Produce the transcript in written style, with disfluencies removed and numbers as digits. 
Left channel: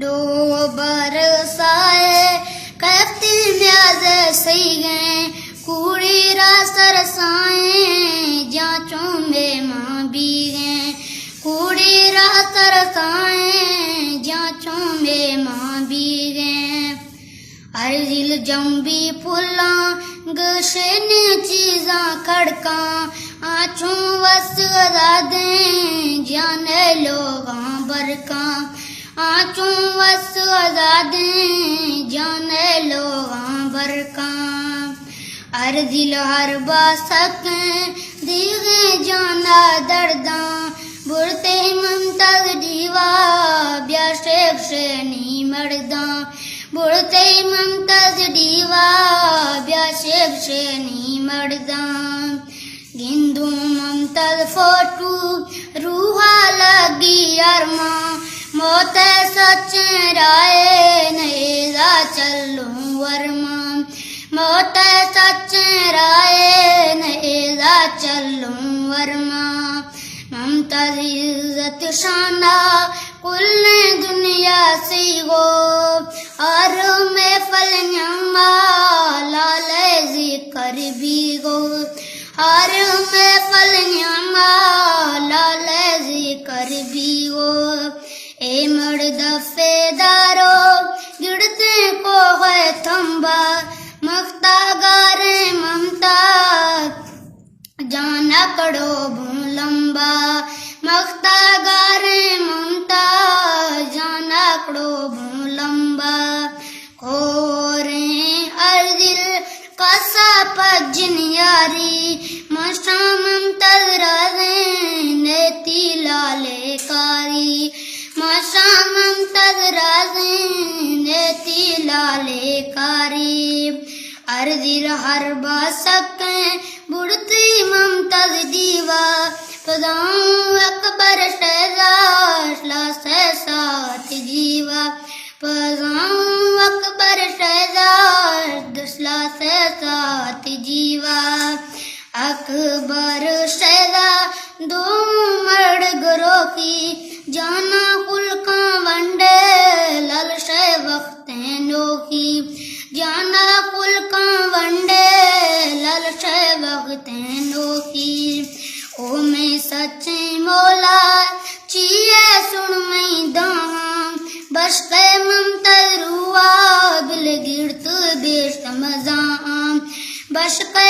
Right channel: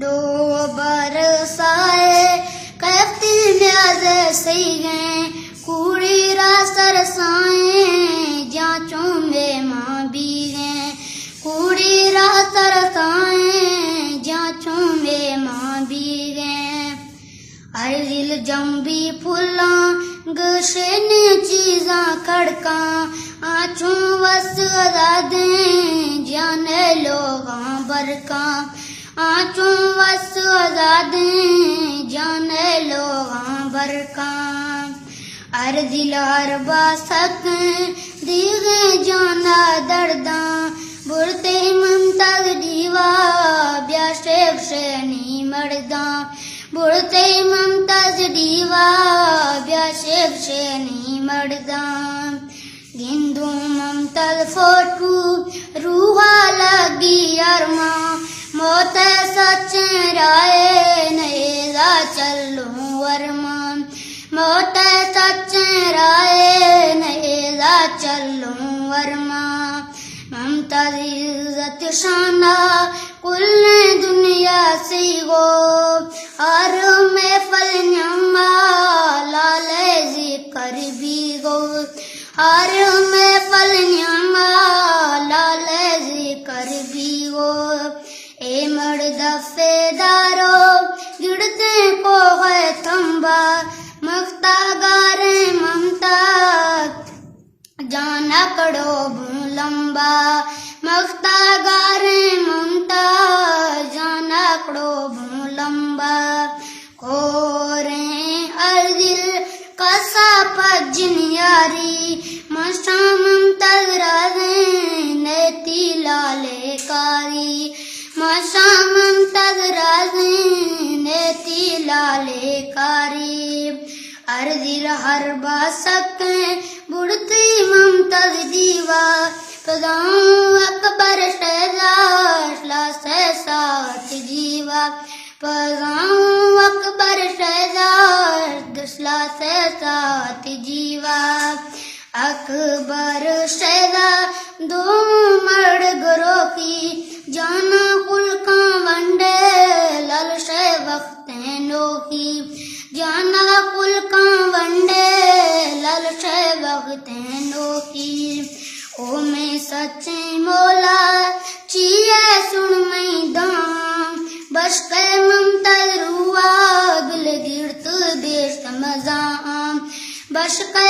दो बरसाए कहती न्याज सही गए कूड़ी रा सरसाए जांचों में मां भी गए कूड़ी रा सरसाए जांचों में मां भी गए हर दिल जम्बी फुला गशेन चीजा खड़का आँचों वस दे जाने लोगा बरका आँचों वस दे जाने लोगा बरका हर दिल हर बासक दीगे जाना दर्दा बुढ़ते ममतक दीवा ब्याशेब से नहीं मरदा बुढ़ते ममतक दीवा ब्याशेब से नहीं मरदा गिंदू ममतल फोटू रूहा लगी अरमा मौत सच राय नेदा चलू वरमा मौत सच राय नेदा चलू वरमा ममतल इज्जत शाना कुल दुनिया से गो और में फल न्यामा लाल जिक्र भी गो हर में फल न्यामा लाल जिक्र भी गो ए मर्द फेदारो गिरते को है थम्बा मख्ता गारे ममता जाना कड़ो लंबा मख्ता गारे ममता जाना कड़ो लंबा कोरे अर्दिल कसा पज्जिन यारी मशा ममतल राजे नेती लाले कारी मशा ममतल राजे नेती लाले कारी हर दिल हर बासक बुढ़ती ममतल दीवा पदाऊं अकबर शहजाद से साथ जीवा पदाऊं अकबर शहजाद से साथ जीवा अकबर शहजाद दो मर्द गरो की जाना कुल का वंडे लल से वक्त नोकी जाना कुल का वंडे लल से वक्त नोकी ओ मैं सच्चे मौला चिए सुन मैं दां बस के ममतल रुआ बिल गिरत बेश मजाम बस के